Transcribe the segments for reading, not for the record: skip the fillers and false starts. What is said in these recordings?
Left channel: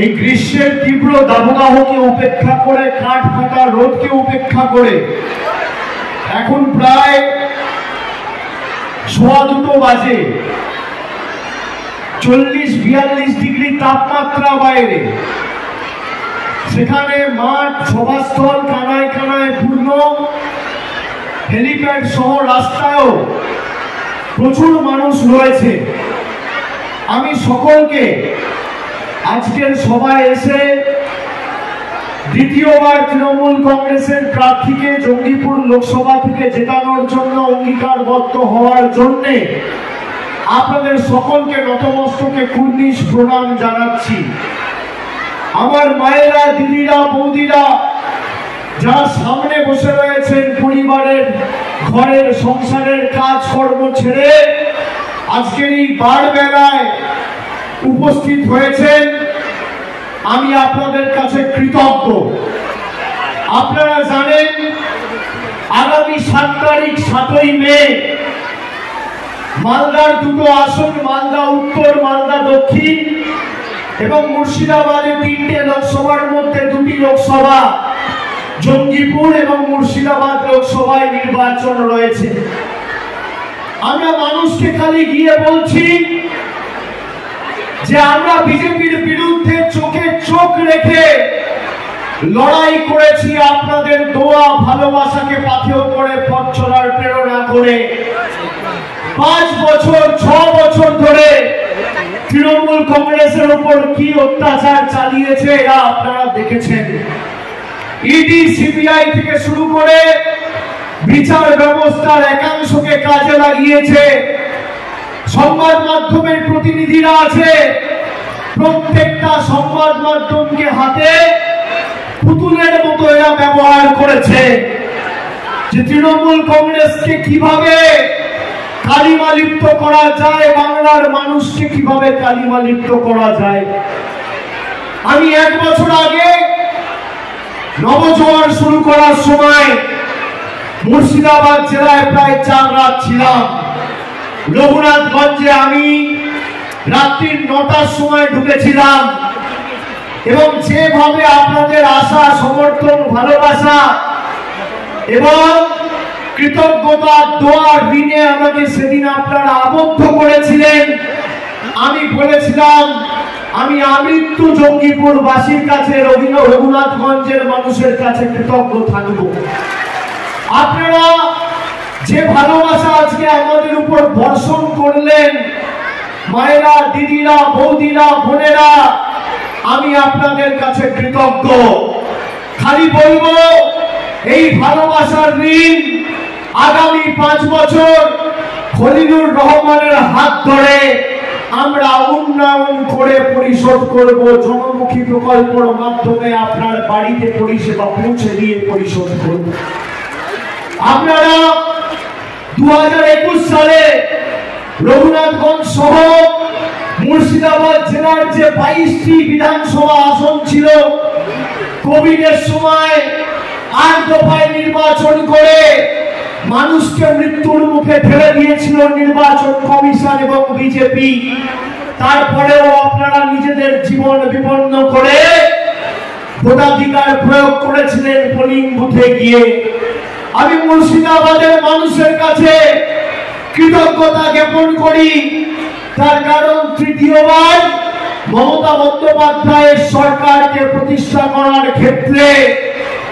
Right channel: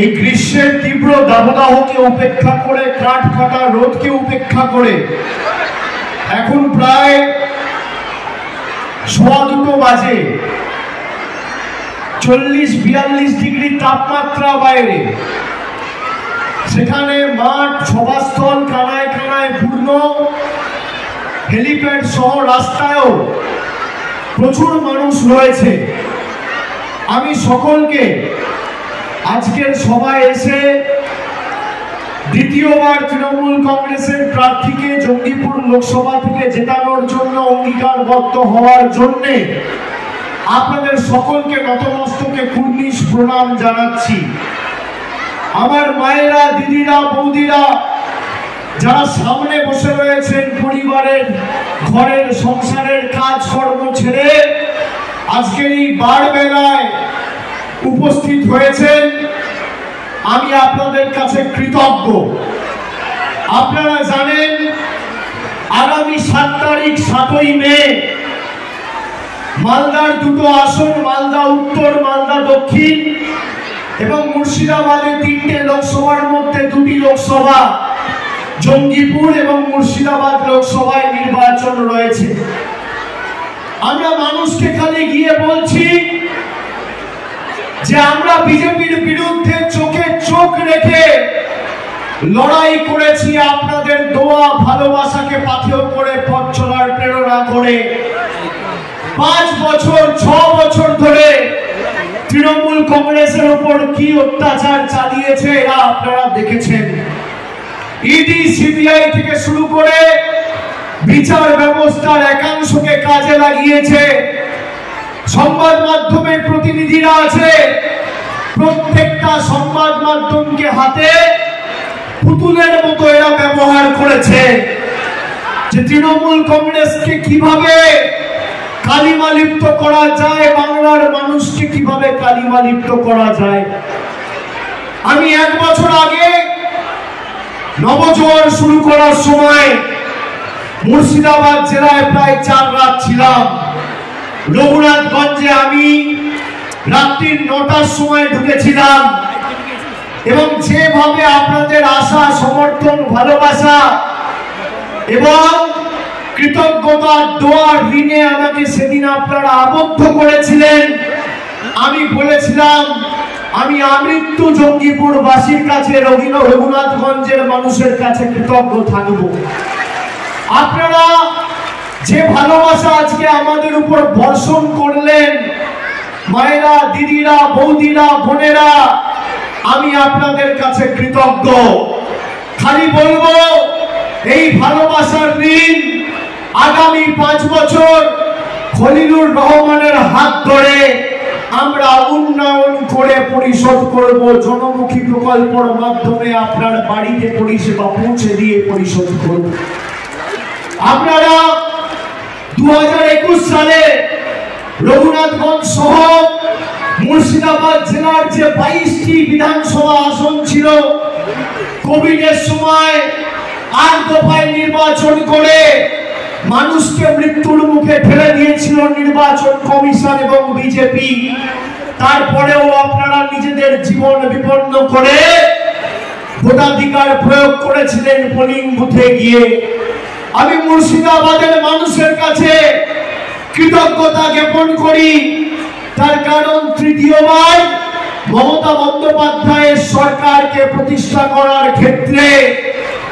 এই গ্রীষ্মের তীব্র দাবদাহকে উপেক্ষা করে, কাঠ ফাটা রোদকে উপেক্ষা করে এখন প্রায় 2:15 বাজে, 40-42 ডিগ্রি তাপমাত্রা বাইরে। সেখানে মাঠ, সভাস্থল কানায় কানায় পূর্ণ, হেলিপ্যাড সহ রাস্তায়ও প্রচুর মানুষ রয়েছে। আমি সকলকে আজকের সভায় এসে দ্বিতীয়বার তৃণমূল কংগ্রেসের প্রার্থীকে জঙ্গিপুর লোকসভা থেকে জেতানোর জন্য অঙ্গীকারবদ্ধ হওয়ার জন্য আপনাদের সকলকে নতমস্তকে কুর্নিশ প্রণাম জানাচ্ছি। আমার মায়েরা, দিদিরা, বৌদিরা যারা সামনে বসে রয়েছেন, পরিবারের, ঘরের, সংসারের কাজকর্ম ছেড়ে আজকের এই বার বেলায় উপস্থিত হয়েছেন, আমি আপনাদের কাছে কৃতজ্ঞ। আপনারা জানেন আগামী 7 তারিখ 7ই মে মালদার দুটো আসন, মালদা উত্তর, মালদা দক্ষিণ এবং মুর্শিদাবাদে 3টে লোকসভার মধ্যে 2টি লোকসভা, জঙ্গিপুর এবং মুর্শিদাবাদ লোকসভায় নির্বাচন রয়েছে। আমরা মানুষকে খালি গিয়ে বলছি যে আমরা বিজেপির বিরুদ্ধে চোখে চোখ রেখে লড়াই করেছি, আপনাদের দোয়া ভালোবাসাকে পাথেয় করে, পথ চলার প্রেরণা করে। 5 বছর 6 বছর ধরে তৃণমূল কংগ্রেসের উপর কি অত্যাচার চালিয়েছে এরা আপনারা দেখেছেন। ইডি, সিবিআই থেকে শুরু করে বিচার ব্যবস্থার একাংশকে কাজে লাগিয়েছে। সংবাদ মাধ্যমের প্রতিনিধিরা আছে, প্রত্যেকটা সংবাদ মাধ্যমকে হাতে পুতুলের মতো এরা ব্যবহার করেছে যে তৃণমূল কংগ্রেসকে কিভাবে কালিমা লিপ্ত করা যায়, বাংলার মানুষকে কিভাবে কালিমা লিপ্ত করা যায়। আমি 1 বছর আগে নবজোয়ার শুরু করার সময় মুর্শিদাবাদ জেলায় প্রায় 4 রাত ছিলাম। রঘুনাথগঞ্জে আমি রাত্রির 9টার সময় ঢুকেছিলাম এবং যেভাবে আপনাদের আশা, সমর্থন, ভালোবাসা এবং কৃতজ্ঞতার দোয়ার ঋণে আমাকে সেদিন আপনারা আবদ্ধ করেছিলেন, আমি বলেছিলাম আমি আমৃত্যু জঙ্গিপুর বাসীর কাছে, রঘুনাথগঞ্জের মানুষের কাছে কৃতজ্ঞ থাকব। আপনারা যে ভালোবাসা আজকে আমাদের উপর বর্ষণ করলেন, মায়েরা, দিদিরা, বৌদিরা, বোনেরা, আমি আপনাদের কাছে কৃতজ্ঞ। খালি বলবো এই ভালোবাসার ঋণ আগামী 5 বছর খলিলুর রহমানের হাত ধরে আমরা উন্নয়ন করে পরিশোধ করব। জনমুখী প্রকল্পের মাধ্যমে আপনার বাড়িতে পরিষেবা পৌঁছে দিয়ে পরিশোধ করব। আপনারা 2021 সালে রঘুনাথগঞ্জ সহ মুর্শিদাবাদ জেলার যে 22টি বিধানসভা আসন ছিল, কোভিডের সময় 8 দফায় নির্বাচন করে মানুষকে মৃত্যুর মুখে ঠেলে দিয়েছিল নির্বাচন কমিশন এবং বিজেপি। তারপরেও আপনারা নিজেদের জীবন বিপন্ন করে ভোটাধিকার প্রয়োগ করেছিলেন পোলিং বুথে গিয়ে। আমি মুর্শিদাবাদের মানুষের কাছে কৃতজ্ঞতা জ্ঞাপন করি, তার কারণ তৃতীয়বার মমতা বন্দ্যোপাধ্যায়ের সরকারকে প্রতিষ্ঠা করার ক্ষেত্রে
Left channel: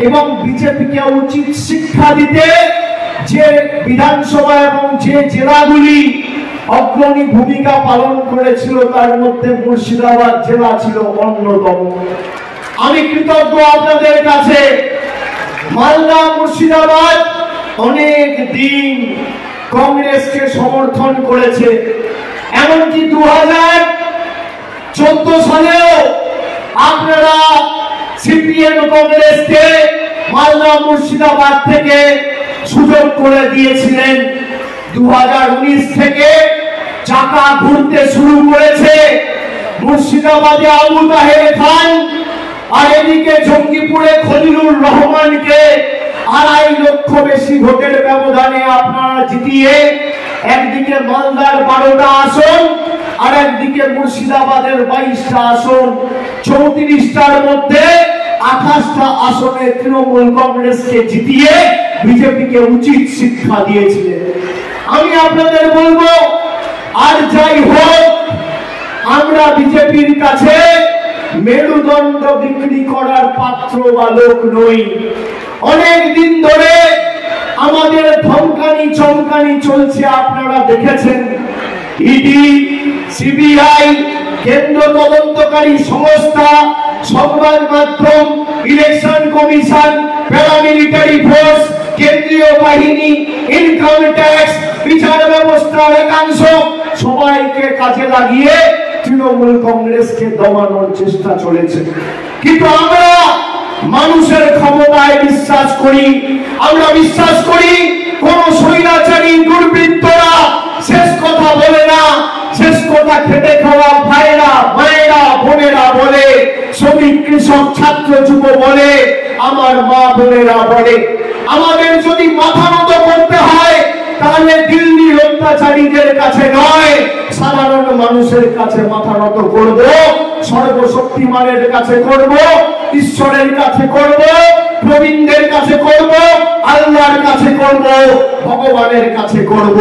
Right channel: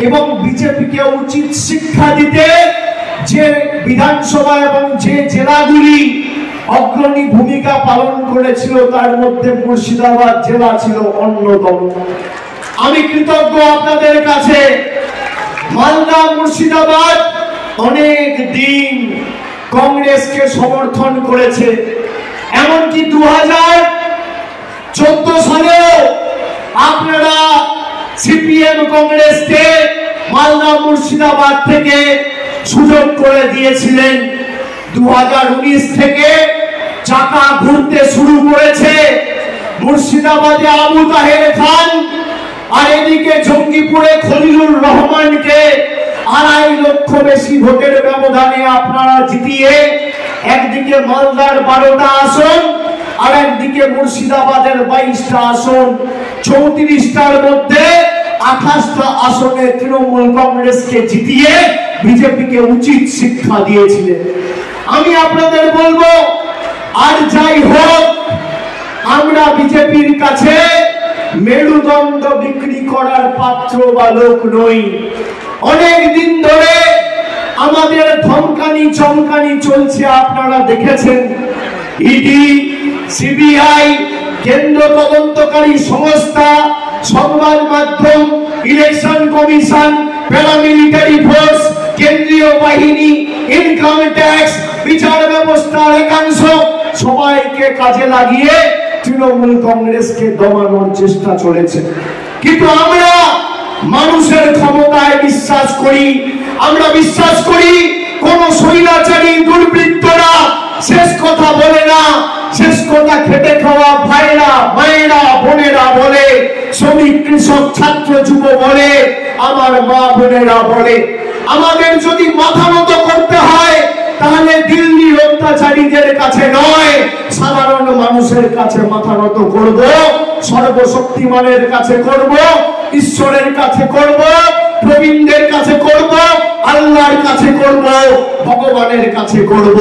এবং বিজেপিকে উচিত শিক্ষা দিতে যে বিধানসভা এবং যে জেলাগুলি অগ্রণী ভূমিকা পালন করেছিল তার মধ্যে মুর্শিদাবাদ জেলা ছিল অন্যতম। আমি কৃতজ্ঞ আপনাদের কাছে। মালদা, মুর্শিদাবাদ অনেক দিন কংগ্রেসকে সমর্থন করেছে, এমনকি 2014 সালেও আপনারা সিপিএম কংগ্রেসকে মালদা, মুর্শিদাবাদ থেকে সুযোগ করে দিয়েছিলেন। 2019 থেকে চাকা ঘুরতে শুরু করেছে। মুর্শিদাবাদে আবু তাহের খান আর এদিকে জঙ্গিপুরে খলিলুর রহমানকে 2.5 লক্ষ বেশি ভোটের ব্যবধানে আপনারা জিতিয়ে একদিকে মালদার 12টা আসন আর আর একদিকে মুর্শিদাবাদের 22টা আসন, 34টার মধ্যে 28টা আসনে তৃণমূল কংগ্রেসকে জিতিয়ে বিজেপিকে উচিত শিক্ষা দিয়েছিলেন। আমি আপনাদের বলবো, আর যাই হোক, আমরা বিজেপির কাছে মেরুদণ্ড বিক্রি করার পাত্র বা লোক নই। অনেক দিন ধরে আমাদের ধমকানি চমকানি চলছে, আপনারা দেখেছেন। ইডি, সিবিআই, কেন্দ্র তদন্তকারী সংস্থা, সংবাদ মাধ্যম, ইলেকশন কমিশন, প্যারামিলিটারি ফোর্স, কেন্দ্রীয় বাহিনী, ইনকাম ট্যাক্স, বিচার ব্যবস্থার একাংশ সবাইকে কাজে লাগিয়ে তৃণমূল কংগ্রেসকে দমানোর চেষ্টা চলেছে। কিন্তু আমরা মানুষের ক্ষমতায় বিশ্বাস করি। আমরা বিশ্বাস করি কোন স্বৈরাচারী দুর্বৃত্তরা শেষ কথা বলে না। শেষ কথা খেটে খাওয়া ভাইরা, মায়েরা, বোনেরা বলে, শ্রমিক, কৃষক, ছাত্র, যুব বলে, আমার মা বোনেরা বলে। আমাদের যদি মাথা নত করতে হয় তাহলে দিল্লির অত্যাচারীদের কাছে নয়, সাধারণ মানুষের কাছে মাথা নত করব, সর্বশক্তিমানের কাছে করব, ঈশ্বরের কাছে করব, প্রবীণদের কাছে করব, আল্লাহর কাছে করব, ভগবানের কাছে করব।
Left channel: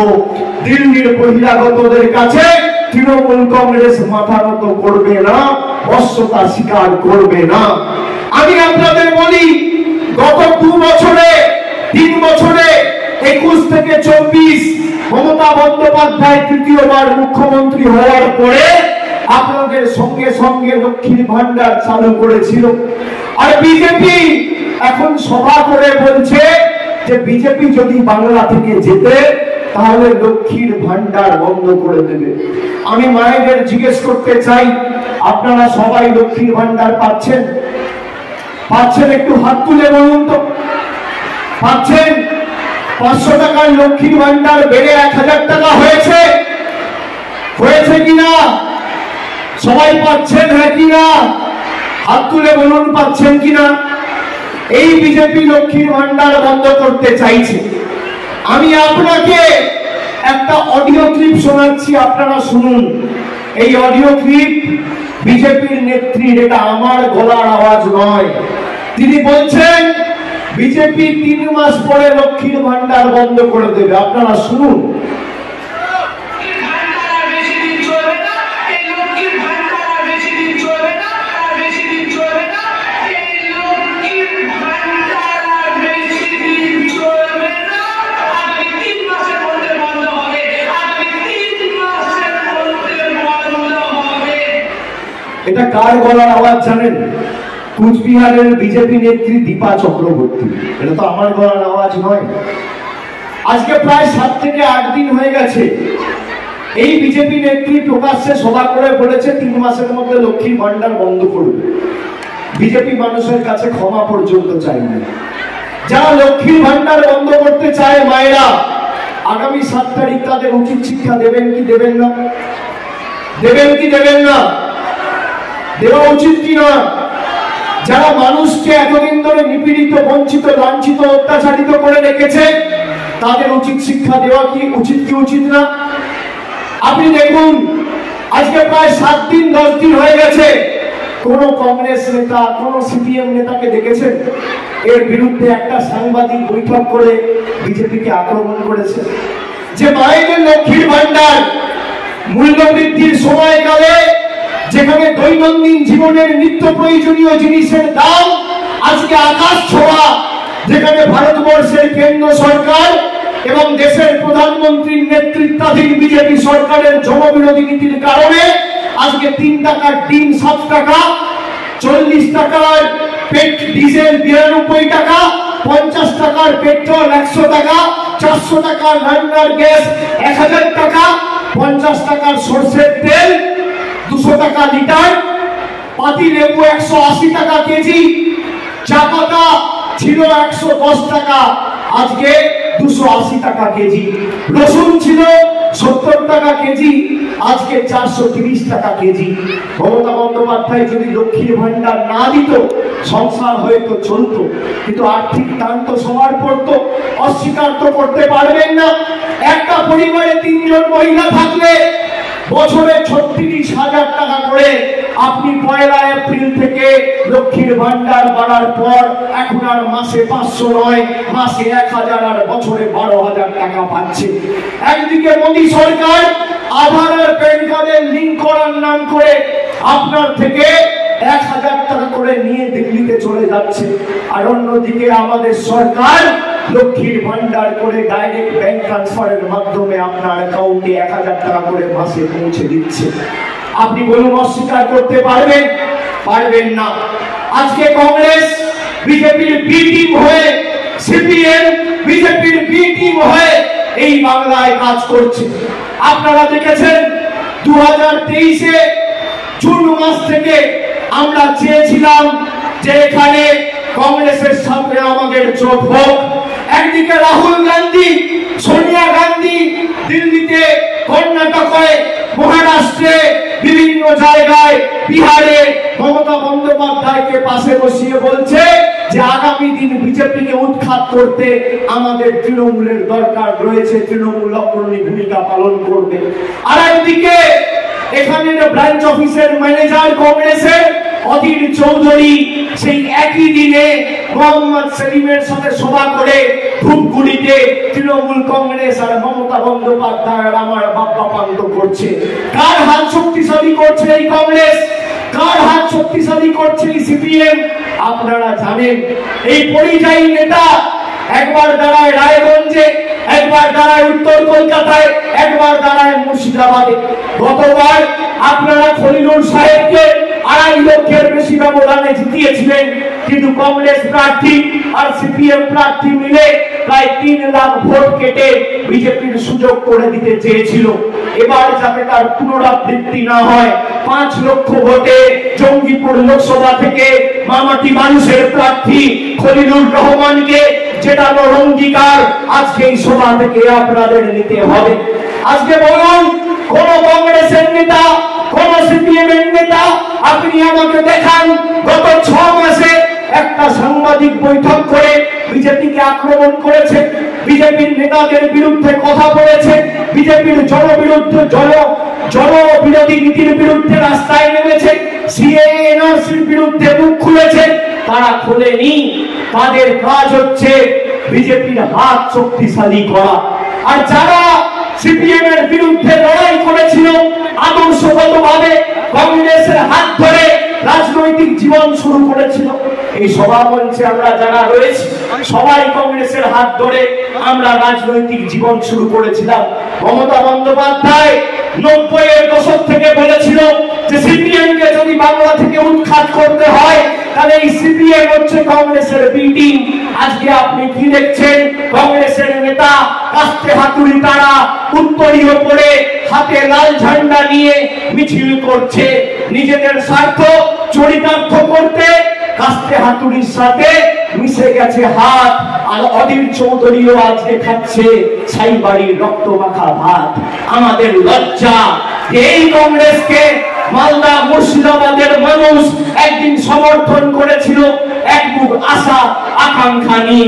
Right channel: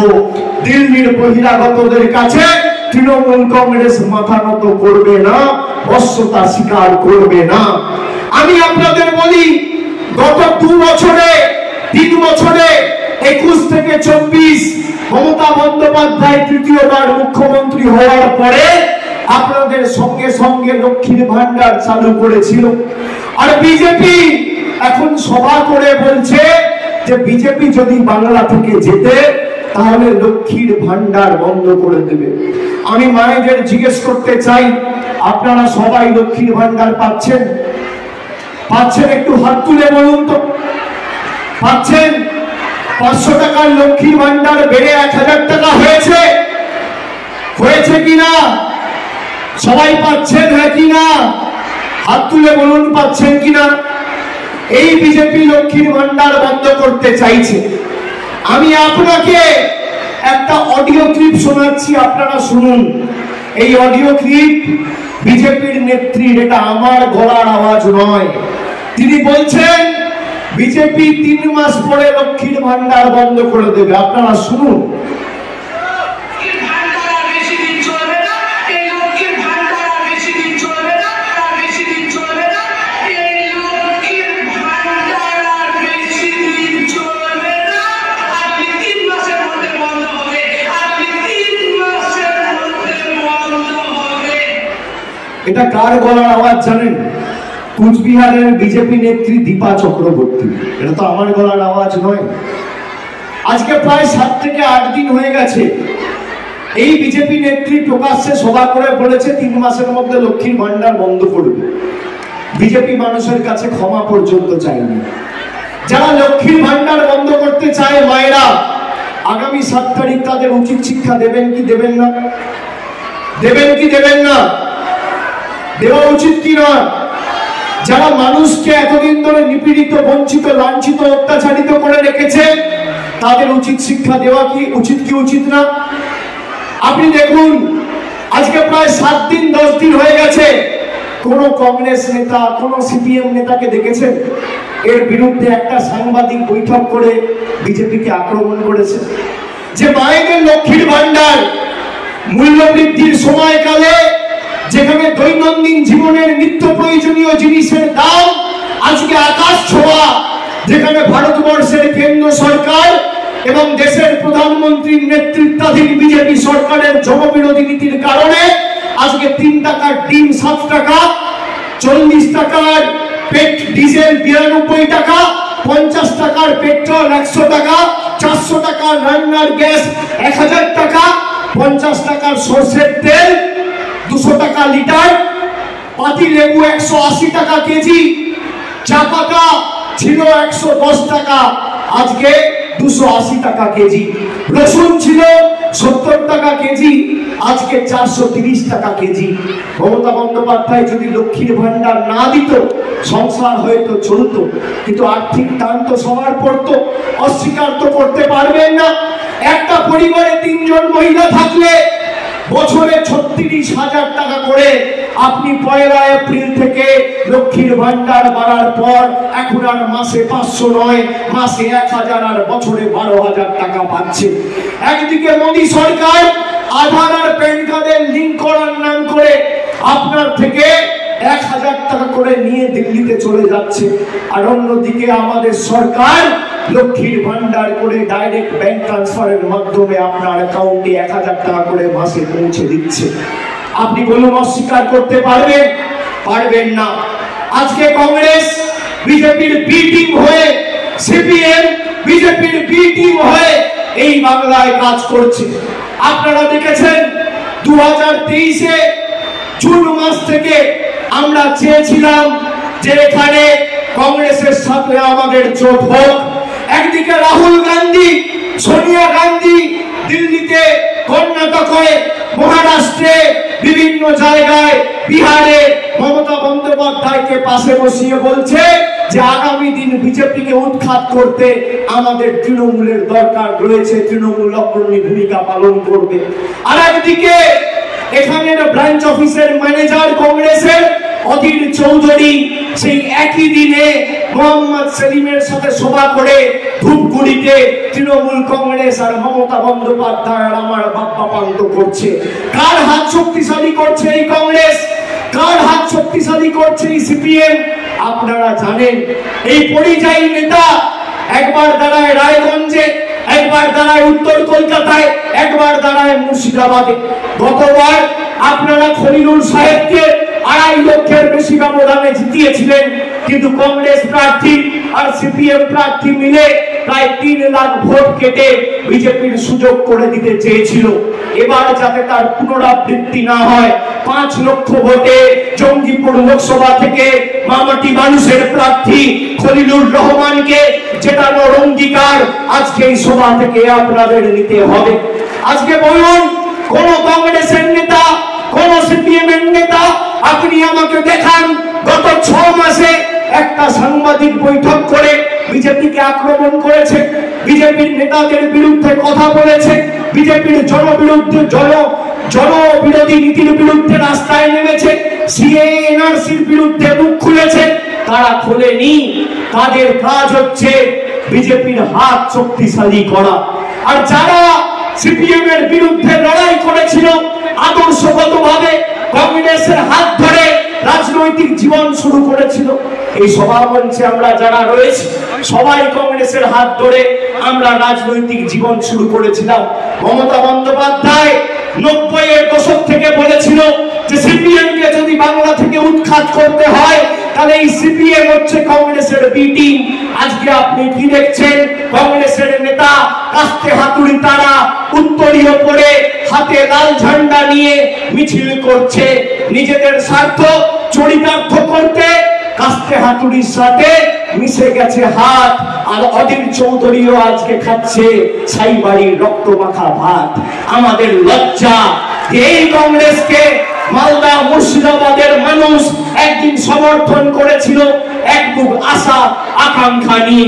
দিল্লির বহিরাগতদের কাছে তৃণমূল কংগ্রেস মাথা নত করবে না, বশ্যতা স্বীকার করবে না। আমি আপনাদের বলি, গত 2 বছরে, 3 বছরে, 21 থেকে 24 মমতা বন্দ্যোপাধ্যায় তৃতীয়বার মুখ্যমন্ত্রী হওয়ার পরে আপনাদের সঙ্গে সঙ্গে লক্ষ্মীর ভান্ডার চালু করেছিল। আর বিজেপি এখন সভা করে বলছে যে বিজেপি যদি বাংলা থেকে জেতে তাহলে লক্ষ্মীর ভান্ডার বন্ধ করে দেবে। আমি মায়েদের জিজ্ঞেস করতে চাই, আপনারা সবাই লক্ষ্মীর ভান্ডার পাচ্ছেন? পাচ্ছেন? একটু হাত তুলে বলুন তো, পাচ্ছেন? 500 টাকার লক্ষ্মীর ভান্ডার বেড়ে 1000 টাকা হয়েছে, হয়েছে কিনা? সবাই পাচ্ছেন, হ্যাঁ কিনা? হাত তুলে বলুন পাচ্ছেন কিনা। এই বিজেপি লক্ষ্মীর ভান্ডার বন্ধ করতে চাইছে। আমি আপনাকে একটা অডিও ক্লিপ শোনাচ্ছি, আপনারা শুনুন। এই অডিও ক্লিপ বিজেপির নেত্রীর, এটা আমার গলার আওয়াজ নয়। তিনি বলছেন বিজেপি 3 মাস পরে লক্ষ্মীর ভান্ডার বন্ধ করে দেবে। আপনারা শুনুন। এটা কার গলার আওয়াজ জানেন? কুচবিহারের বিজেপি নেত্রী দীপা চক্রবর্তী। এটা তো আমার গলার আওয়াজ নয়। আজকে প্রায় 7 থেকে 8 দিন হয়ে গেছে এই বিজেপি নেত্রী প্রকাশ্যে সভা করে বলেছে 3 মাসের মধ্যে লক্ষ্মীর ভান্ডার বন্ধ করবে। বিজেপি মানুষের কাছে ক্ষমা পর্যন্ত চায়নি। যারা লক্ষ্মীর ভান্ডার বন্ধ করতে চায় মায়েরা, আগামী 7 তারিখ তাদের উচিত শিক্ষা দেবেন কি দেবেন না? দেবেন কি দেবেন না? দেওয়া উচিত কি না? যারা মানুষকে এতদিন ধরে নিপীড়িত, বঞ্চিত, লাঞ্ছিত, অত্যাচারিত করে রেখেছে তাদের উচিত শিক্ষা দেওয়া কি উচিত কি উচিত না? আপনি দেখুন, আজকে প্রায় 7 দিন 10 দিন হয়ে গেছে, কোন কংগ্রেস নেতা, কোন সিপিএম নেতাকে দেখেছেন এর বিরুদ্ধে একটা সাংবাদিক বৈঠক করে বিজেপিকে আক্রমণ করেছে? যে মায়েদের লক্ষ্মীর ভান্ডার মূল্য বৃদ্ধির সময়কালে যেখানে দৈনন্দিন জীবনের নিত্য প্রয়োজনীয় জিনিসের দাম আজকে আকাশ ছোঁয়া, যেখানে ভারতবর্ষের কেন্দ্র সরকার এবং দেশের প্রধানমন্ত্রীর নেতৃত্বাধীন বিজেপি সরকারের জনবিরোধী নীতির কারণে আজকে 3 টাকার ডিম 7 টাকা, 40 টাকার ডিজেল 92 টাকা, 50 টাকার পেট্রোল 100 টাকা, 400 টাকার রান্নার গ্যাস 1000 টাকা, 50 টাকার সরষের তেল 200 টাকা লিটার, পাতি লেবু 180 টাকা কেজি, চা পাতা ছিল 110 টাকা, আজকে 280 টাকা কেজি। রসুন ছিল 70 টাকা কেজি, আজকে 430 টাকা কেজি। মমতা বন্দ্যোপাধ্যায় যদি লক্ষ্মীর ভান্ডার না দিত সংসার হয়তো চলতো, কিন্তু আর্থিক টান তো সবার পড়তো, অস্বীকার তো করতে পারবেন না। একটা পরিবারে 3 জন মহিলা থাকলে বছরে ৩৬,০০০ টাকা করে আপনি ১ এপ্রিল থেকে লক্ষ্মীর ভান্ডার বাড়ার পর এখন আর মাসে ৫০০ নয়, মাসে ১০০০ আর বছরে ১২,০০০ টাকা পাচ্ছে। একদিকে মোদী সরকার আধার আর প্যান কার্ডের লিঙ্ক করার নাম করে আপনার থেকে ১০০০ টাকা করে নিয়ে দিল্লিতে চলে যাচ্ছে, আর অন্যদিকে আমাদের সরকার লক্ষ্মীর ভান্ডার করে ডাইরেক্ট ব্যাংক ট্রান্সফারের মাধ্যমে আপনার অ্যাকাউন্টে ১০০০ টাকা করে মাসে পৌঁছে দিচ্ছে। আপনি বলুন অস্বীকার করতে পারবেন? পারবেন না। আজকে কংগ্রেস বিজেপির বি টিম হয়ে, সিপিএম বিজেপির বি টিম হয়ে এই বাংলায় কাজ করছে। আপনারা দেখেছেন 2023-এ জুন মাস থেকে আমরা চেয়েছিলাম যে এখানে কংগ্রেসের সাথে আমাদের জোট হোক। একদিকে রাহুল গান্ধী, সোনিয়া গান্ধী দিল্লিতে, কর্ণাটকে, মহারাষ্ট্রে, বিভিন্ন জায়গায়, বিহারে মমতা বন্দ্যোপাধ্যায়কে পাশে বসিয়ে বলছে যে আগামী দিন বিজেপিকে উৎখাত করতে আমাদের তৃণমূলের দরকার রয়েছে, তৃণমূল অগ্রণী ভূমিকা পালন করবে। আর একদিকে এখানে ব্রাঞ্চ অফিসের ম্যানেজার কংগ্রেসের অধীর চৌধুরী সেই একই দিনে মোহাম্মদ সেলিমের সাথে সভা করে ধূপগুড়িতে তৃণমূল কংগ্রেস আর মমতা বন্দ্যোপাধ্যায়ের আমার বাপ্পা পান্ত করছে। কার হাত শক্তিশালী করছে এই কংগ্রেস? কার হাত শক্তিশালী করছে এই সিপিএম? আপনারা জানেন। এই পরিযায়ী নেতা একবার দাঁড়ায় রায়গঞ্জে, একবার দাঁড়ায় উত্তর কলকাতায়, একবার দাঁড়ায় মুর্শিদাবাদে। গতবার আপনারা খলিলুর সাহেবকে ২.৫ লক্ষের বেশি ব্যবধানে জিতিয়েছিলেন, কিন্তু কংগ্রেস প্রার্থী আর সিপিএম প্রার্থী মিলে প্রায় ৩ লাখ ভোট কেটে বিজেপির সুযোগ করে দিতে চেয়েছিল। এবার যাতে তার পুনরাবৃত্তি না হয়, ৫ লক্ষ ভোটে জঙ্গিপুর লোকসভা থেকে মামাটি মানুষের প্রার্থী খলিলুর রহমানকে জেতানোর অঙ্গীকার আজকে এই সভা থেকে আপনাদের নিতে হবে। আজকে বলুন, কোন কংগ্রেসের নেতা, কোন সিপিএম এর নেতা আপনি আমাকে দেখান গত ৬ মাসে একটা সাংবাদিক বৈঠক করে বিজেপিকে আক্রমণ করেছে, বিজেপির নেতাদের বিরুদ্ধে কথা বলেছে, বিজেপির জনবিরোধী নীতির বিরুদ্ধে রাস্তায় নেমেছে, সিএএ এনআরসির বিরুদ্ধে মুখ খুলেছে? তারা খোলেনি। তাদের কাজ হচ্ছে বিজেপির হাত শক্তিশালী করা। আর যারা সিপিএম এর বিরুদ্ধে লড়াই করেছিল, আদর্শগতভাবে কংগ্রেসের হাত ধরে রাজনৈতিক জীবন শুরু করেছিল, এই সভা মঞ্চে আমরা যারা রয়েছি সবাই কংগ্রেসের হাত ধরে আমরা রাজনৈতিক জীবন শুরু করেছিলাম। মমতা বন্দ্যোপাধ্যায় ৯০-এর দশক থেকে বলেছিল যে সিপিএম কে যদি বাংলা থেকে উৎখাত করতে হয় তাহলে এই সিপিএম হচ্ছে কংগ্রেসের বি টিম। আজকে আপনি কি দেখছেন? কংগ্রেসের নেতা কাস্তে হাতুড়ি তারা উত্তরীয় পরে হাতে লাল ঝান্ডা নিয়ে মিছিল করছে, নিজেদের স্বার্থ চরিতার্থ করতে কাস্তে হাতুড়ির সাথে মিশে গেছে হাত। আর অধীর চৌধুরীও আজকে খাচ্ছে ছাইবাড়ির রক্ত মাখা ভাত। আমাদের লজ্জা যে এই কংগ্রেসকে মালদা মুর্শিদাবাদের মানুষ একদিন সমর্থন করেছিল এক মুখ আশা আকাঙ্ক্ষা নিয়ে।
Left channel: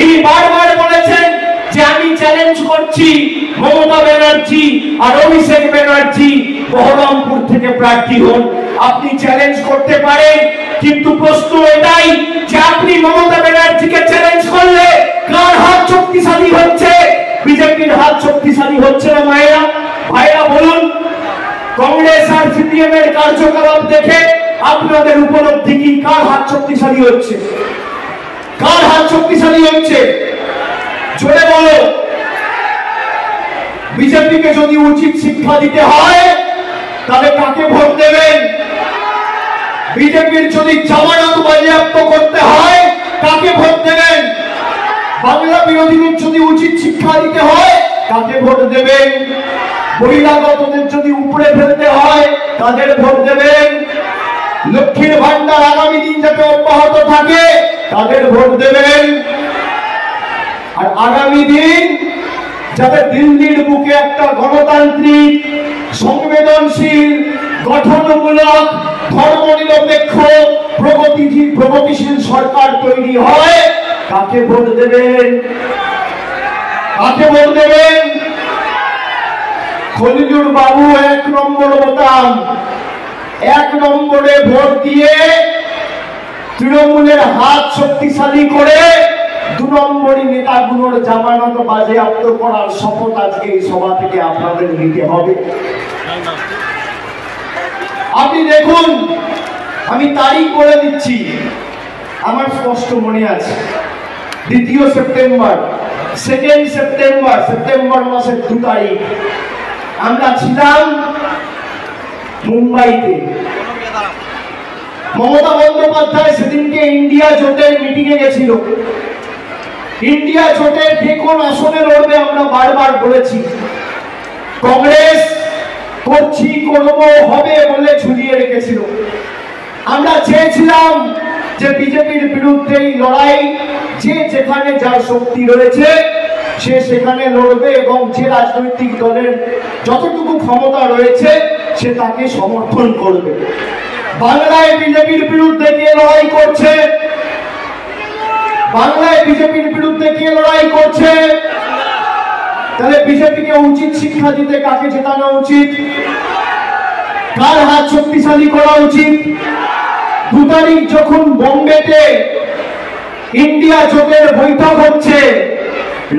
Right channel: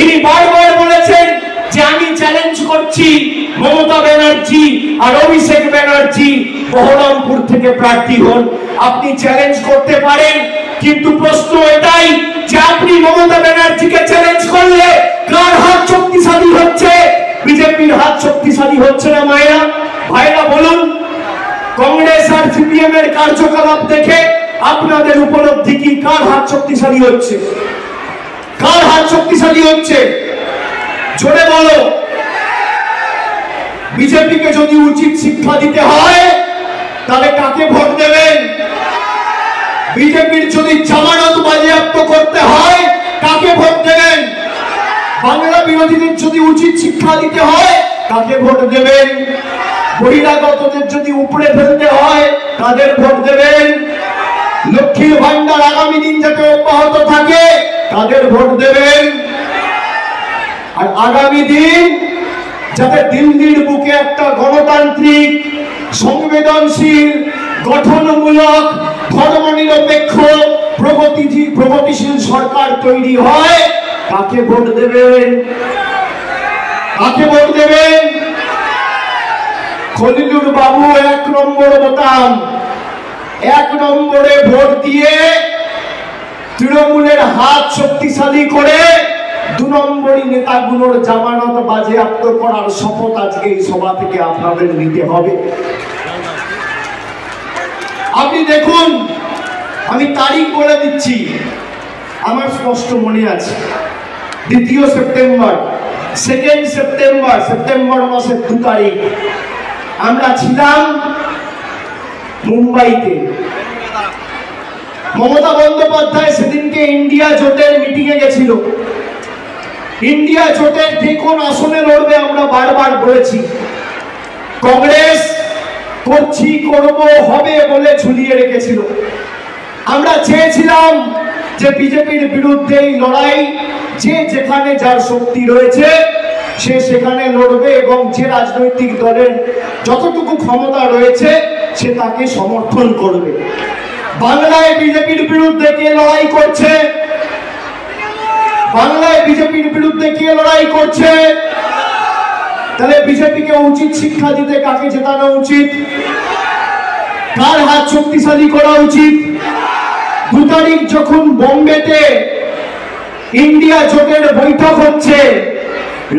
ইনি বারবার বলেছেন যে আমি চ্যালেঞ্জ করছি মমতা ব্যানার্জি আর অভিষেক ব্যানার্জি বহরমপুর থেকে প্রার্থী হন। আপনি চ্যালেঞ্জ করতে পারেন, কিন্তু প্রশ্ন এটাই যে আপনি মমতা ব্যানার্জিকে চ্যালেঞ্জ করলে কার হাত শক্তিশালী হচ্ছে? বিজেপির হাত শক্তিশালী হচ্ছে না মায়েরা ভাইরা? বলুন, কংগ্রেস আর সিপিএম এর কার্যকলাপ দেখে আপনাদের উপলব্ধি কি? কার হাত শক্তিশালী হচ্ছে? কার হাত শক্তিশালী হচ্ছে? জোরে বলো। বিজেপিকে যদি উচিত শিক্ষা দিতে হয় তাহলে কাকে ভোট দেবেন? বিজেপির যদি জামানত বাজেয়াপ্ত করতে হয় কাকে ভোট দেবেন? বাংলা বিরোধীদের যদি উচিত শিক্ষা দিতে হয় কাকে ভোট দেবেন? বহিরাগতদের যদি উপরে ফেলতে হয় কাদের ভোট দেবেন? লক্ষ্মীর ভান্ডার আগামী দিন যাতে অব্যাহত থাকে কাদের ভোট দেবেন? আর আগামী দিন যাতে দিল্লির বুকে একটা গণতান্ত্রিক, সংবেদনশীল, গঠনমূলক, ধর্মনিরপেক্ষ, প্রগতিশীল সরকার তৈরি হয়, কাকে ভোট দেবেন? কাকে ভোট দেবেন? খলিলুর বাবু 1 নম্বর বোতাম, 1 নম্বরে ভোট দিয়ে তৃণমূলের হাত শক্তিশালী করে 2 নম্বরই নেতাগুলোর জামানত বাজেয়াপ্ত করার শপথ আজকে এই সভা থেকে আপনাদের নিতে হবে। আপনি দেখুন, আমি তারিখ বলে দিচ্ছি, আমার স্পষ্ট মনে আছে। 2 সেপ্টেম্বর, 2 সেপ্টেম্বর, সেপ্টেম্বর মাসের 2 তারিখ আমরা ছিলাম মুম্বাইতে। মমতা বন্দ্যোপাধ্যায় সেদিনকে ইন্ডিয়া জোটের মিটিং এ গেছিল। ইন্ডিয়া জোটের যে কোন আসনে লড়বে আমরা বারবার বলেছি। কংগ্রেস করছি, করবো, হবে বলে ঝুলিয়ে রেখেছিল। আমরা চেয়েছিলাম যে বিজেপির বিরুদ্ধে এই লড়াই, যে যেখানে যার শক্তি রয়েছে সে সেখানে লড়বে এবং যে রাজনৈতিক দলের যতটুকু ক্ষমতা রয়েছে সে তাকে সমর্থন করবে। বাংলায় বিজেপির বিরুদ্ধে কে লড়াই করছে? বাংলায় বিজেপির বিরুদ্ধে কে লড়াই করছে? তাহলে বিজেপিকে উচিত শিক্ষা দিতে কাকে জেতানো উচিত? কার হাত শক্তিশালী করা উচিত? 2 তারিখ যখন বোম্বেতে ইন্ডিয়া জোটের বৈঠক হচ্ছে,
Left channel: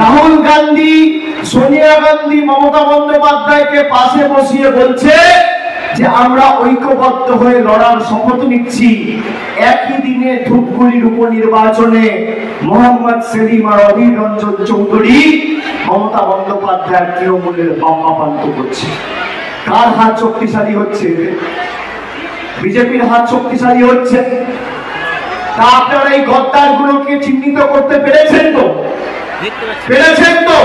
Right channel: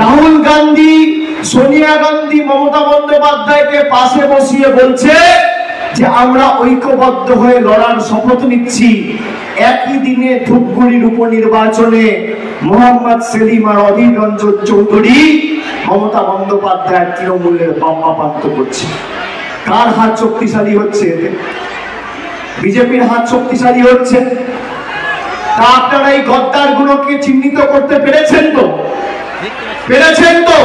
রাহুল গান্ধী, সোনিয়া গান্ধী মমতা বন্দ্যোপাধ্যায়কে পাশে বসিয়ে বলছে যে আমরা ঐক্যবদ্ধ হয়ে লড়ার শপথ নিচ্ছি। একই দিনে ধূপগুড়ির উপনির্বাচনে মোহাম্মদ সেলিম আর অধীর রঞ্জন চৌধুরী মমতা বন্দ্যোপাধ্যায়ের তৃণমূলের বাম্মাপান্ত করছে। কার হাত শক্তিশালী হচ্ছে? বিজেপির হাত শক্তিশালী হচ্ছে। তা আপনারা এই গদ্দার গুলোকে চিহ্নিত করতে পেরেছেন তো? পেরেছেন তো?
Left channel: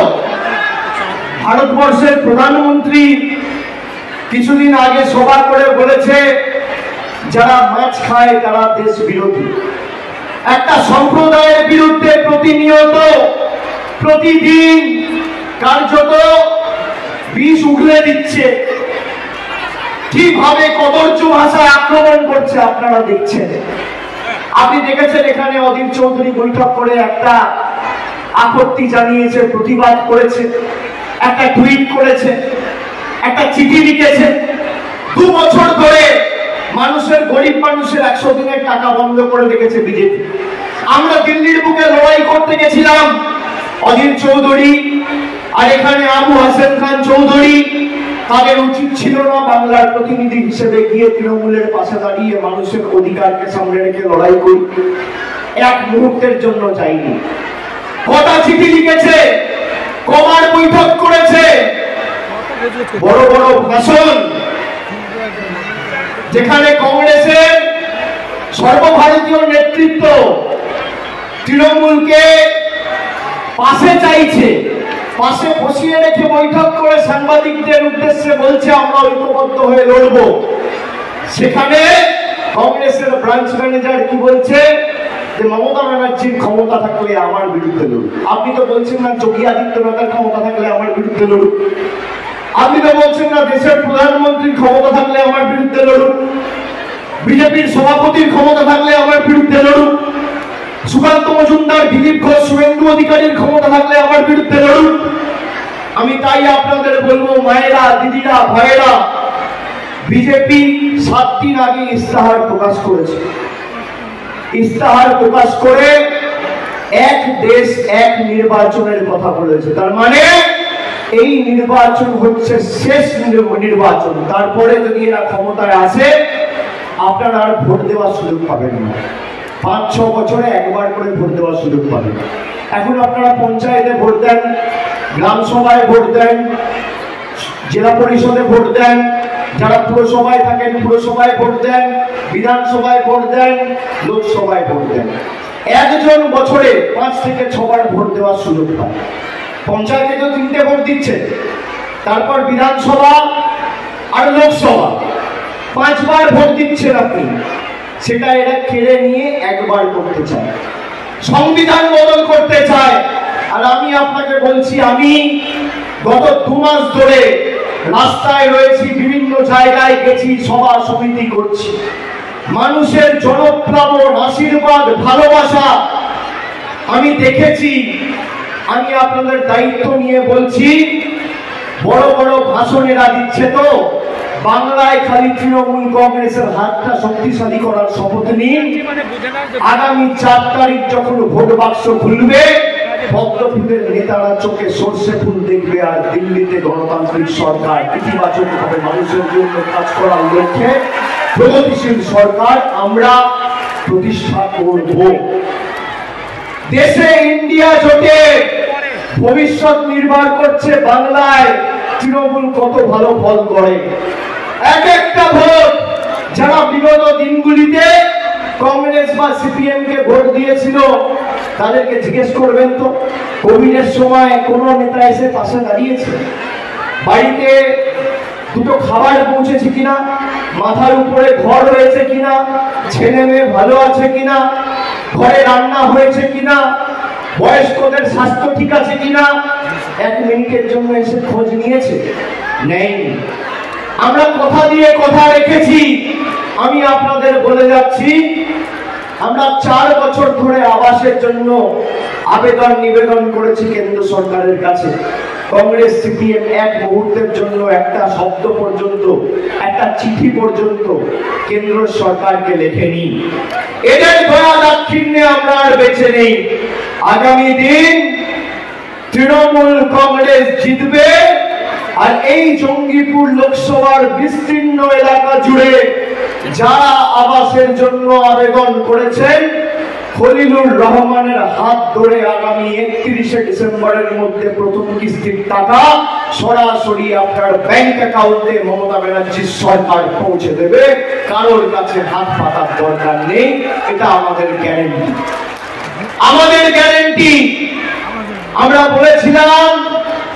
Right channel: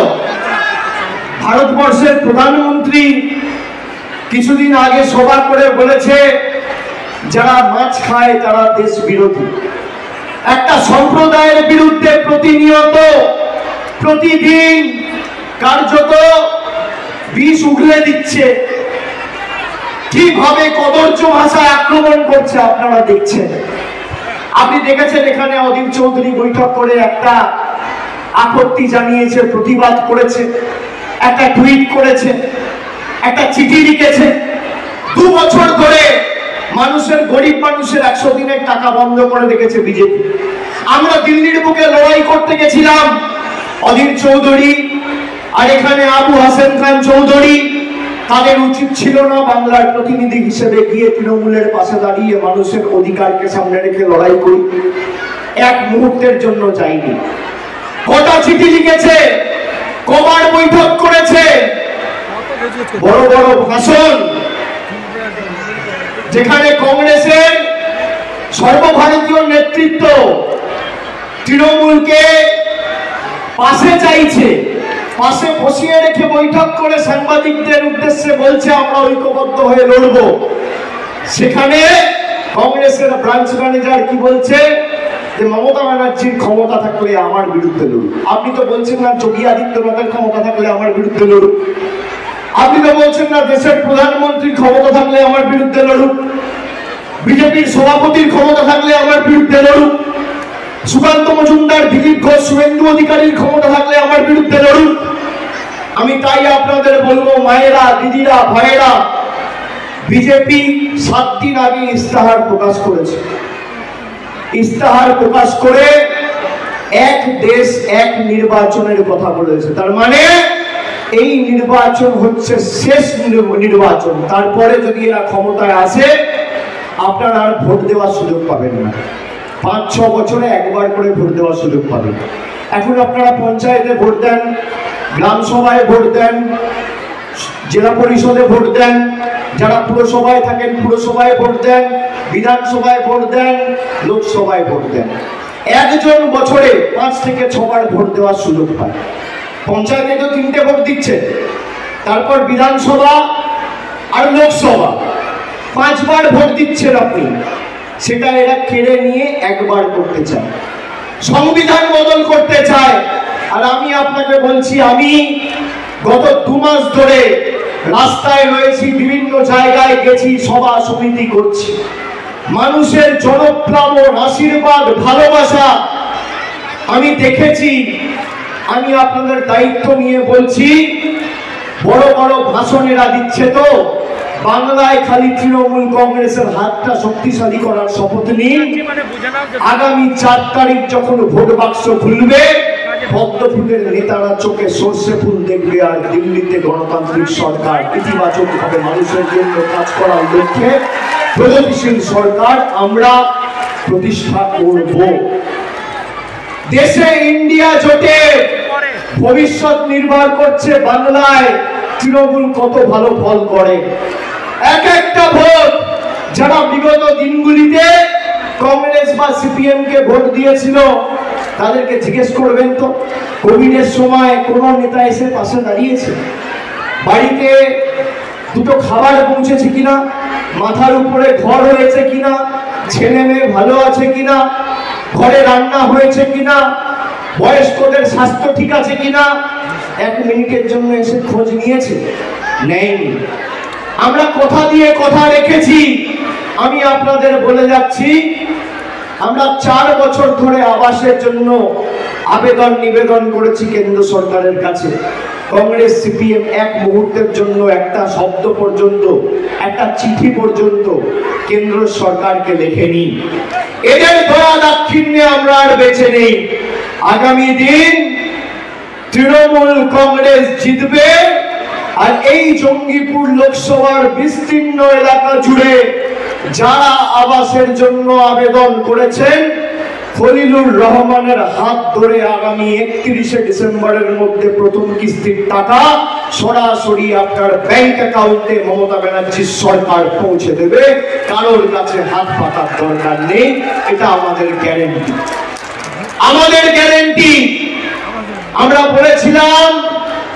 ভারতবর্ষের প্রধানমন্ত্রী কিছুদিন আগে সভা করে বলেছে যারা মাছ খায় তারা দেশ বিরোধী। একটা সম্প্রদায়ের বিরুদ্ধে প্রতিনিয়ত, প্রতিদিন কার্যত বিষ উগলে দিচ্ছে। কিভাবে কদর্য ভাষায় আক্রমণ করছে আপনারা দেখছেন। আপনি দেখেছেন এখানে অধীর চৌধুরী বৈঠক করে একটা আপত্তি জানিয়েছে, প্রতিবাদ করেছে, একটা টুইট করেছে, একটা চিঠি লিখেছে। 2 বছর ধরে মানুষের, গরিব মানুষের 100 দিনের টাকা বন্ধ করে রেখেছে বিজেপি। আমরা দিল্লির বুকে লড়াই করতে গেছিলাম, অধীর চৌধুরী আর এখানে আবু হাসেন খান চৌধুরী, তাদের উচিত ছিল না বাংলার প্রতিনিধি হিসেবে গিয়ে তৃণমূলের পাশে দাঁড়িয়ে মানুষের অধিকারকে সামনে রেখে লড়াই করি? 1 মুহূর্তের জন্য যায়নি। কটা চিঠি লিখেছে, কবার বৈঠক করেছে, বড় বড় ভাষণ, যেখানে কংগ্রেসের সর্বভারতীয় নেতৃত্ব তৃণমূলকে পাশে চাইছে, পাশে বসিয়ে রেখে বৈঠক করে সাংবাদিকদের উদ্দেশ্যে বলছে আমরা ঐক্যবদ্ধ হয়ে লড়ব। সেখানে কংগ্রেসের ব্রাঞ্চ ম্যানেজার কি বলছে যে মমতা ব্যানার্জির ক্ষমতা থাকলে আমার বিরুদ্ধে লড়ুক। আপনি তো বলছেন না যোগী আদিত্যনাথের ক্ষমতা থাকলে আমার বিরুদ্ধে লড়ুক। আপনি তো বলছেন না দেশের প্রধানমন্ত্রীর ক্ষমতা থাকলে আমার বিরুদ্ধে লড়ুক। বিজেপির সভাপতির ক্ষমতা থাকলে আমার বিরুদ্ধে লড়ুক। সুকান্ত মজুমদার, দিলীপ ঘোষ, শুভেন্দু অধিকারীর ক্ষমতা থাকলে আমার বিরুদ্ধে লড়ুক। আমি তাই আপনাদের বলবো, মায়েরা, দিদিরা, ভাইয়েরা, বিজেপি 7 দিন আগে ইস্তাহার প্রকাশ করেছে। ইস্তাহার প্রকাশ করে এক দেশ এক নির্বাচনের কথা বলেছে। তার মানে এই নির্বাচন হচ্ছে শেষ নির্বাচন। তারপরে যদি এরা ক্ষমতায় আসে আপনারা আর ভোট দেওয়ার সুযোগ পাবেন না। 5-6 বছরে একবার করে ভোট দেওয়ার সুযোগ পাবেন। এখন আপনারা পঞ্চায়েতে ভোট দেন, গ্রাম সভায় ভোট দেন, জেলা পরিষদে ভোট দেন, যারা পুরসভায় থাকেন পুরসভায় ভোট দেন, বিধানসভায় ভোট দেন, লোকসভায় ভোট দেন। একজন বছরে 5 থেকে 6 বার ভোট দেওয়ার সুযোগ পায়। পঞ্চায়েতে তো 3টে ভোট দিচ্ছে, তারপর বিধানসভা আর লোকসভা 5 বার ভোট দিচ্ছেন আপনি। সেটা এরা কেড়ে নিয়ে একবার করতে চায়, সংবিধান বদল করতে চায়। আর আমি আপনাকে বলছি, আমি গত 2 মাস ধরে রাস্তায় রয়েছি, বিভিন্ন জায়গায় গেছি, সভা সমিতি করছি। মানুষের জনপ্লাবন, আশীর্বাদ, ভালোবাসা আমি দেখেছি। আমি আপনাদের দায়িত্ব নিয়ে বলছি, বড় বড় ভাষণ এরা দিচ্ছে, তো বাংলায় খালি তৃণমূল কংগ্রেসের হাতটা শক্তিশালী করার শপথ নিন। আগামী 4 তারিখ যখন ভোট বাক্স খুলবে, পদ্মফুলের নেতারা চোখে সর্ষে ফুল দেখবে, আর দিল্লিতে গণতান্ত্রিক সরকার ইতিবাচক ভাবে মানুষের জন্য কাজ করার লক্ষ্যে প্রগতিশীল সরকার আমরা প্রতিষ্ঠা করব। দেশে ইন্ডিয়া জোটের ভবিষ্যৎ নির্ভর করছে বাংলায় তৃণমূল কত ভালো ফল করে। এক একটা ভোট যারা বিগত দিনগুলিতে কংগ্রেস বা সিপিএম কে ভোট দিয়েছিল তাদেরকে জিজ্ঞেস করবেন তো, কোভিডের সময় কোন নেতা এসে পাশে দাঁড়িয়েছে? বাড়িতে দুটো খাবার পৌঁছেছে কিনা, মাথার উপরে ঘর হয়েছে কিনা, ছেলে মেয়ে ভালো আছে কিনা, ঘরে রান্না হয়েছে কিনা, বয়স্কদের স্বাস্থ্য ঠিক আছে কিনা 1 মিনিটের জন্য এসে খোঁজ নিয়েছে? নেই। আমরা কথা দিয়ে কথা রেখেছি। আমি আপনাদের বলে যাচ্ছি, আমরা 4 বছর ধরে আবাসের জন্য আবেদন নিবেদন করেছি কেন্দ্র সরকারের কাছে। কংগ্রেস সিপিএম এক মুহূর্তের জন্য একটা শব্দ পর্যন্ত, একটা চিঠি পর্যন্ত কেন্দ্র সরকারকে লেখেনি। এদের দয়া দাক্ষিণ্যে আমরা আর বেঁচে নেই। আগামী দিন তৃণমূল কংগ্রেস জিতবে, আর এই জঙ্গিপুর লোকসভার বিস্তীর্ণ এলাকা জুড়ে যারা আবাসের জন্য আবেদন করেছেন, খলিলুর রহমানের হাত ধরে আগামী 31শে ডিসেম্বরের মধ্যে প্রথম কিস্তির টাকা সরাসরি আপনার ব্যাংক অ্যাকাউন্টে মমতা ব্যানার্জির সরকার পৌঁছে দেবে। কারোর কাছে হাত পাতার দরকার নেই। এটা আমাদের গ্যারেন্টি, আমাদের গ্যারেন্টি। আমরা বলেছিলাম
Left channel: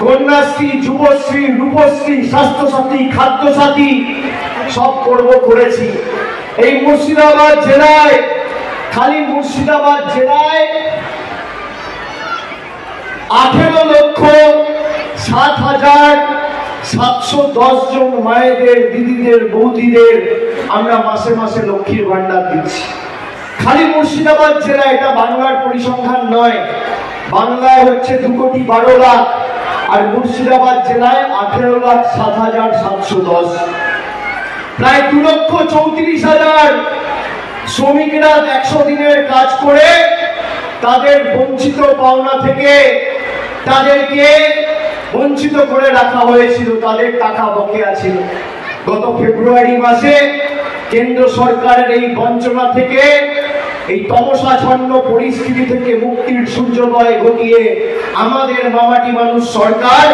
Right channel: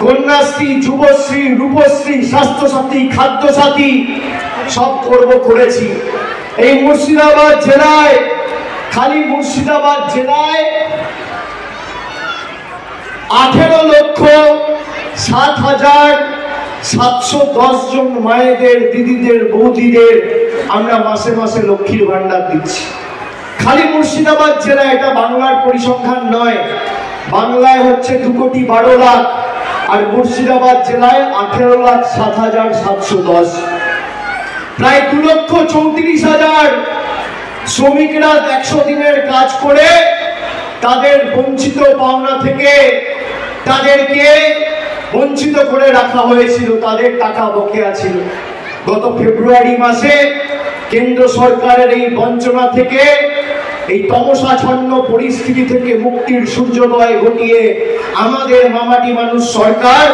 কন্যাশ্রী, যুবশ্রী, রূপশ্রী, স্বাস্থ্যসাথী, খাদ্যসাথী সব করেছি। এই মুর্শিদাবাদ জেলায়, খালি মুর্শিদাবাদ জেলায় 18,07,710 জন মায়েদের, দিদিদের, বৌদিদের আমরা মাসে মাসে লক্ষ্মীর ভান্ডার দিচ্ছি। খালি মুর্শিদাবাদ জেলা, এটা বাংলার পরিসংখ্যান নয়। বাংলায় হচ্ছে 2,12,00,000 আর মুর্শিদাবাদ জেলায় 18,07,710। প্রায় 2,34,000 শ্রমিকরা 100 দিনের কাজ করে তাদের বঞ্চিত পাওনা থেকে তাদেরকে বঞ্চিত করে রাখা হয়েছিল, তাদের টাকা বকেয়া ছিল। গত ফেব্রুয়ারি মাসে কেন্দ্র সরকারের এই বঞ্চনা থেকে, এই তমসাচ্ছন্ন পরিস্থিতি থেকে মুক্তির সূর্যোদয় ঘটিয়ে আমাদের মামাটি মানুষ সরকার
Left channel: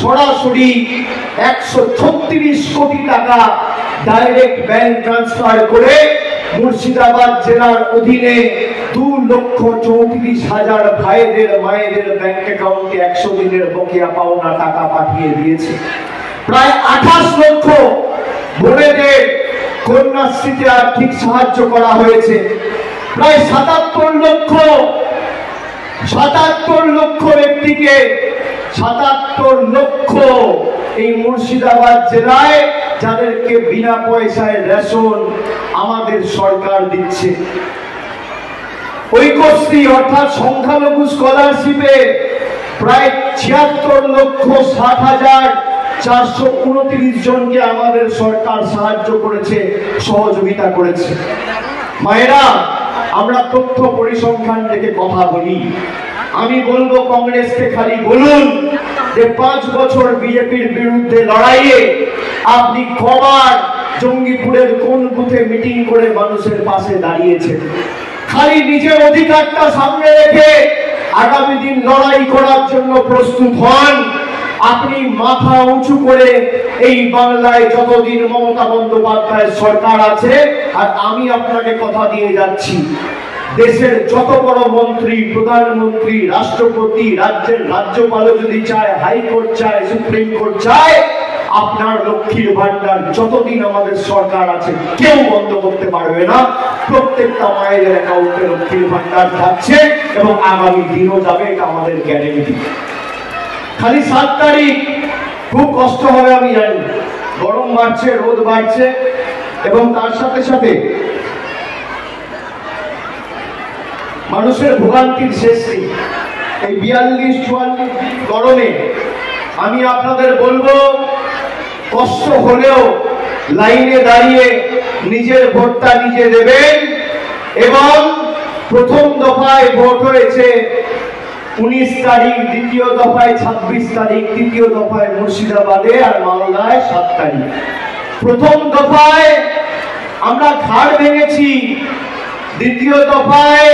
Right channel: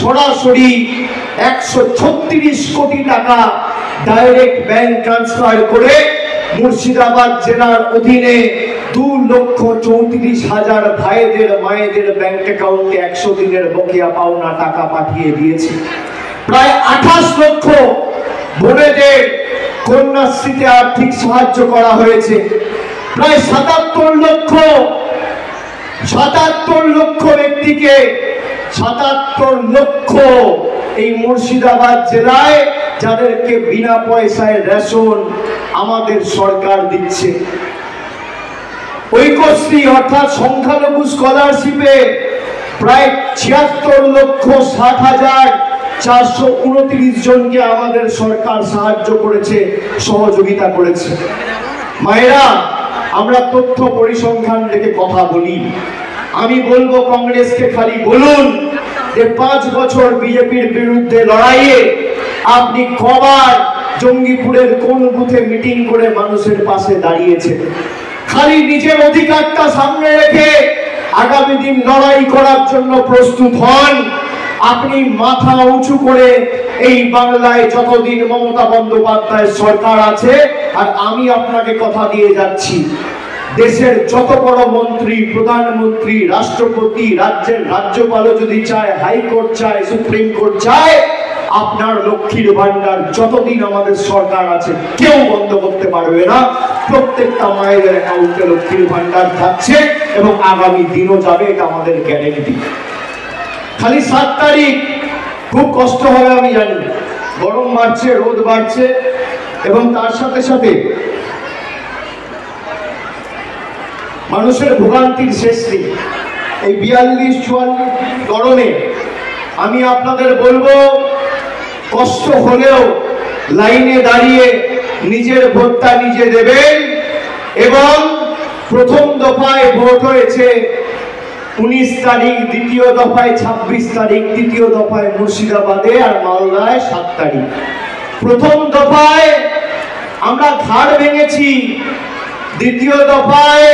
সরাসরি 136 কোটি টাকা ডাইরেক্ট ব্যাংক ট্রান্সফার করে মুর্শিদাবাদ জেলার অধীনে 2,34,000 ভাইদের, মায়েদের ব্যাংক অ্যাকাউন্টে 100 দিনের বকেয়া পাওনা টাকা পাঠিয়ে দিয়েছে। প্রায় 28 লক্ষ বোনেদের কন্যাশ্রীতে আর্থিক সাহায্য করা হয়েছে। প্রায় 77 লক্ষ ব্যক্তিকে, 77 লক্ষ এই মুর্শিদাবাদ জেলায়, যাদেরকে বিনা পয়সায় রেশন আমাদের সরকার দিচ্ছে। ঐক্যশ্রী অর্থাৎ সংখ্যালঘু স্কলারশিপে প্রায় 76,60,429 জনকে আমাদের সরকার সাহায্য করেছে, সহযোগিতা করেছে। মায়েরা, আমরা তথ্য পরিসংখ্যান রেখে কথা বলি। আমি বলবো কংগ্রেসকে খালি বলুন যে 5 বছর বিজেপির বিরুদ্ধে লড়াইয়ে আপনি কবার জঙ্গিপুরের কোন বুথে মিটিং করে মানুষের পাশে দাঁড়িয়েছেন। খালি নিজের অধিকারটা সামনে রেখে আগামী দিন লড়াই করার জন্য প্রস্তুত হন। আপনি মাথা উঁচু করে এই বাংলায় যতদিন মমতা বন্দ্যোপাধ্যায়ের সরকার আছে, আর আমি আপনাকে কথা দিয়ে যাচ্ছি, দেশের যত বড় মন্ত্রী, প্রধানমন্ত্রী, রাষ্ট্রপতি, রাজ্যের রাজ্যপালও যদি চায়, হাইকোর্ট চায়, সুপ্রিম কোর্ট চায়, আপনার লক্ষ্মীর ভান্ডার যতদিন আমাদের সরকার আছে কেউ বন্ধ করতে পারবে না। প্রত্যেকটা মায়ের অ্যাকাউন্টে লক্ষ্মীর ভান্ডার যাচ্ছে এবং আগামী দিনও যাবে, এটা আমাদের গ্যারেন্টি। খালি 7 তারিখ খুব কষ্ট হবে আমি জানি, গরম বাড়ছে, রোদ বাড়ছে, এবং তার সাথে সাথে মানুষের ভোগান্তির শেষ নেই। এই 42-44 গরমে আমি আপনাদের বলবো, কষ্ট হলেও লাইনে দাঁড়িয়ে নিজের ভোটটা নিজে দেবেন। এবং প্রথম দফায় ভোট হয়েছে 19 তারিখ, দ্বিতীয় দফায় 26 তারিখ, তৃতীয় দফায় মুর্শিদাবাদে আর মালদায় 7 তারিখ। প্রথম দফায় আমরা ঘাড় ভেঙেছি, দ্বিতীয় দফায়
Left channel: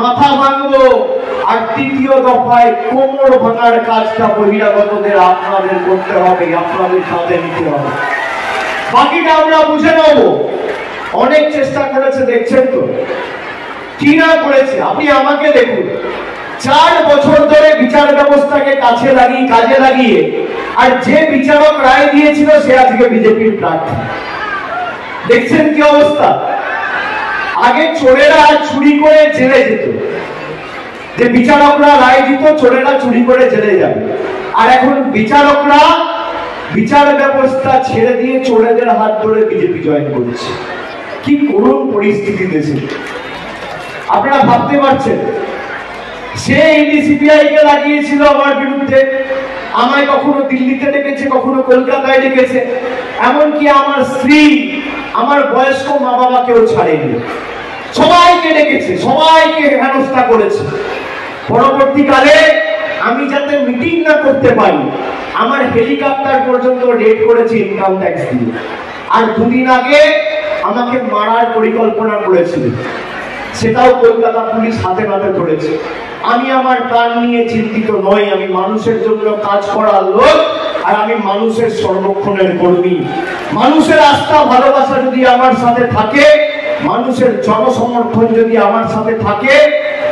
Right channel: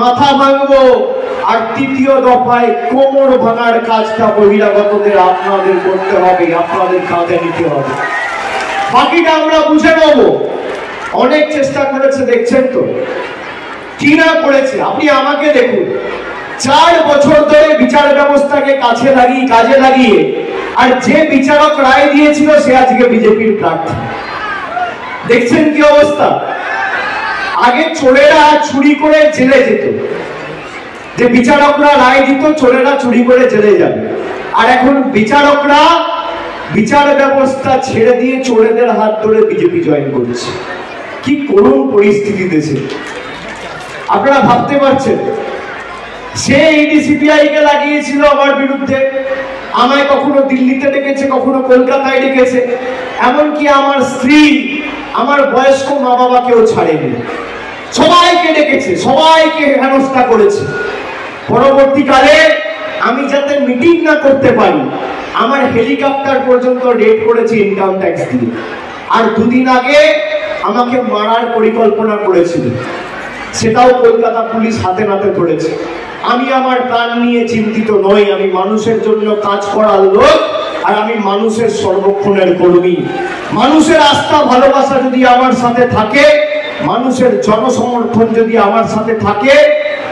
মাথা ভাঙবো, আর তৃতীয় দফায় কোমর ভাঙার কাজটা বহিরাগতদের আপনাদের করতে হবে, আপনাদের কাঁধে নিতে হবে। বাকিটা আমরা বুঝে নেব। অনেক চেষ্টা করেছে, দেখছেন তো কি না করেছে। আপনি আমাকে দেখুন, 4 বছর ধরে বিচার ব্যবস্থাকে কাজে লাগিয়ে আর যে বিচারক রায় দিয়েছিল সে আজকে বিজেপির প্রার্থী। দেখছেন কি অবস্থা। আগে চোরেরা চুরি করে জেলে যেত, যে বিচারকরা রায় দিত চোরেরা চুরি করে জেলে যাবে, আর এখন বিচারকরা বিচার ব্যবস্থা ছেড়ে দিয়ে চোরেদের হাত ধরে বিজেপি জয়েন করছে। কি করুণ পরিস্থিতি দেশে, আপনারা ভাবতে পারছেন। সে ইডি সিবিআই কে লাগিয়েছিল আমার বিরুদ্ধে, আমায় কখনো দিল্লিতে ডেকেছে, কখনো কলকাতায় ডেকেছে, এমনকি আমার স্ত্রী, আমার বয়স্ক মা বাবাকেও ছাড়েনি। সবাইকে ডেকেছে, সবাইকে হেনস্থা করেছে। পরবর্তীকালে আমি যাতে মিটিং না করতে পারি, আমার হেলিকপ্টার পর্যন্ত রেড করেছে ইনকাম ট্যাক্স দিয়ে। আর 2 দিন আগে আমাকে মারার পরিকল্পনা করেছিল, সেটাও কলকাতা পুলিশ হাতে নাতে ধরেছে। আমি আমার প্রাণ নিয়ে চিন্তিত নই, আমি মানুষের জন্য কাজ করার লোক, আর আমি মানুষের সর্বক্ষণের কর্মী। মানুষের আস্থা ভালোবাসা যদি আমার সাথে থাকে, মানুষের জনসমর্থন যদি আমার সাথে থাকে,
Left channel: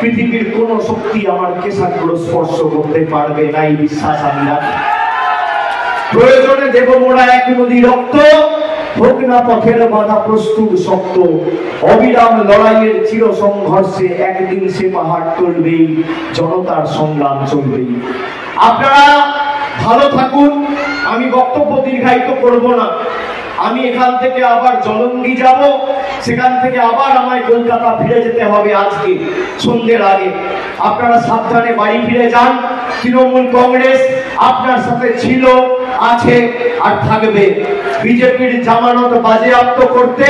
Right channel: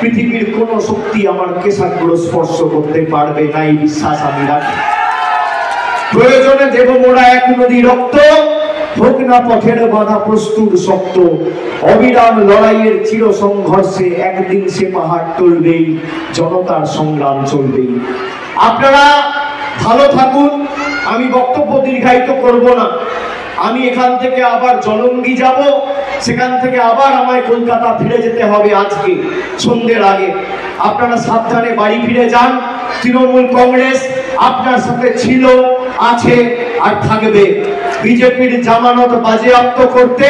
পৃথিবীর কোন শক্তি আমার কেশাগুলো স্পর্শ করতে পারবে না, এই বিশ্বাস আমি রাখি। প্রয়োজনে দেব মোরা এক নদী রক্ত, হোক না পথের বাধা প্রস্তুত শক্ত, অবিরাম লড়াইয়ের চির সংঘর্ষে একদিন সে পাহাড় টলবেই, জনতার সংগ্রাম চলবেই। আপনারা ভালো থাকুন। আমি বক্তব্য দীর্ঘায়িত করব না। আমি এখান থেকে আবার জলঙ্গি যাব, সেখান থেকে আবার আমায় কলকাতা ফিরে যেতে হবে আজকে সন্ধ্যের আগে। আপনারা সাবধানে বাড়ি ফিরে যান। তৃণমূল কংগ্রেস আপনার সাথে ছিল, আছে আর থাকবে। বিজেপির জামানত বাজেয়াপ্ত করতে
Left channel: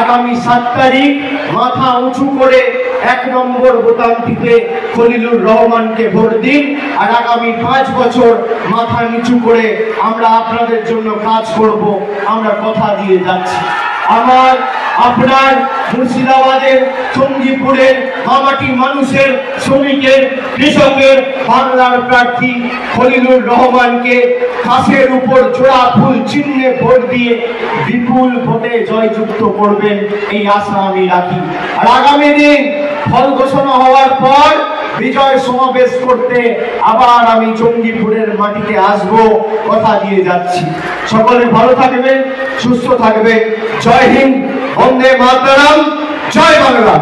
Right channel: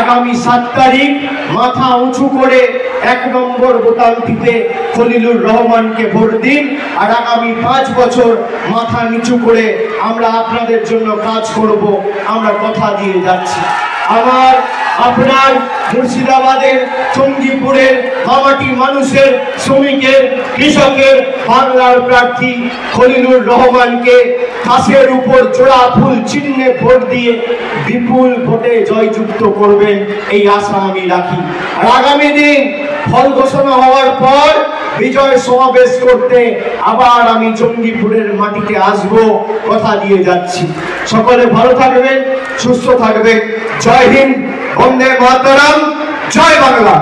আগামী 7 তারিখ মাথা উঁচু করে 1 নম্বর বোতাম টিপে খলিলুর রহমানকে ভোট দিন। আর আগামী 5 বছর মাথা নিচু করে আমরা আপনাদের জন্য কাজ করব, আমরা কথা দিয়ে যাচ্ছি। আমার আপনার মুর্শিদাবাদের, চণ্ডীপুরের, মামাটির মানুষের, শ্রমিকের, কৃষকের, বাংলার প্রার্থী খলিলুর রহমানকে কাছের উপর জোড়া ফুল চিহ্নে ভোট দিয়ে বিপুল ভোটে জয়যুক্ত করবেন, এই আশা আমি রাখি। আর আগামী দিন ফল ঘোষণা হওয়ার পর বিজয় সমাবেশ করতে আবার আমি চণ্ডীপুরের মাটিতে আসব, কথা দিয়ে যাচ্ছি। সকলে ভালো থাকবেন, সুস্থ থাকবেন। জয় হিন্দ, বন্দে মাতরম, জয় বাংলা।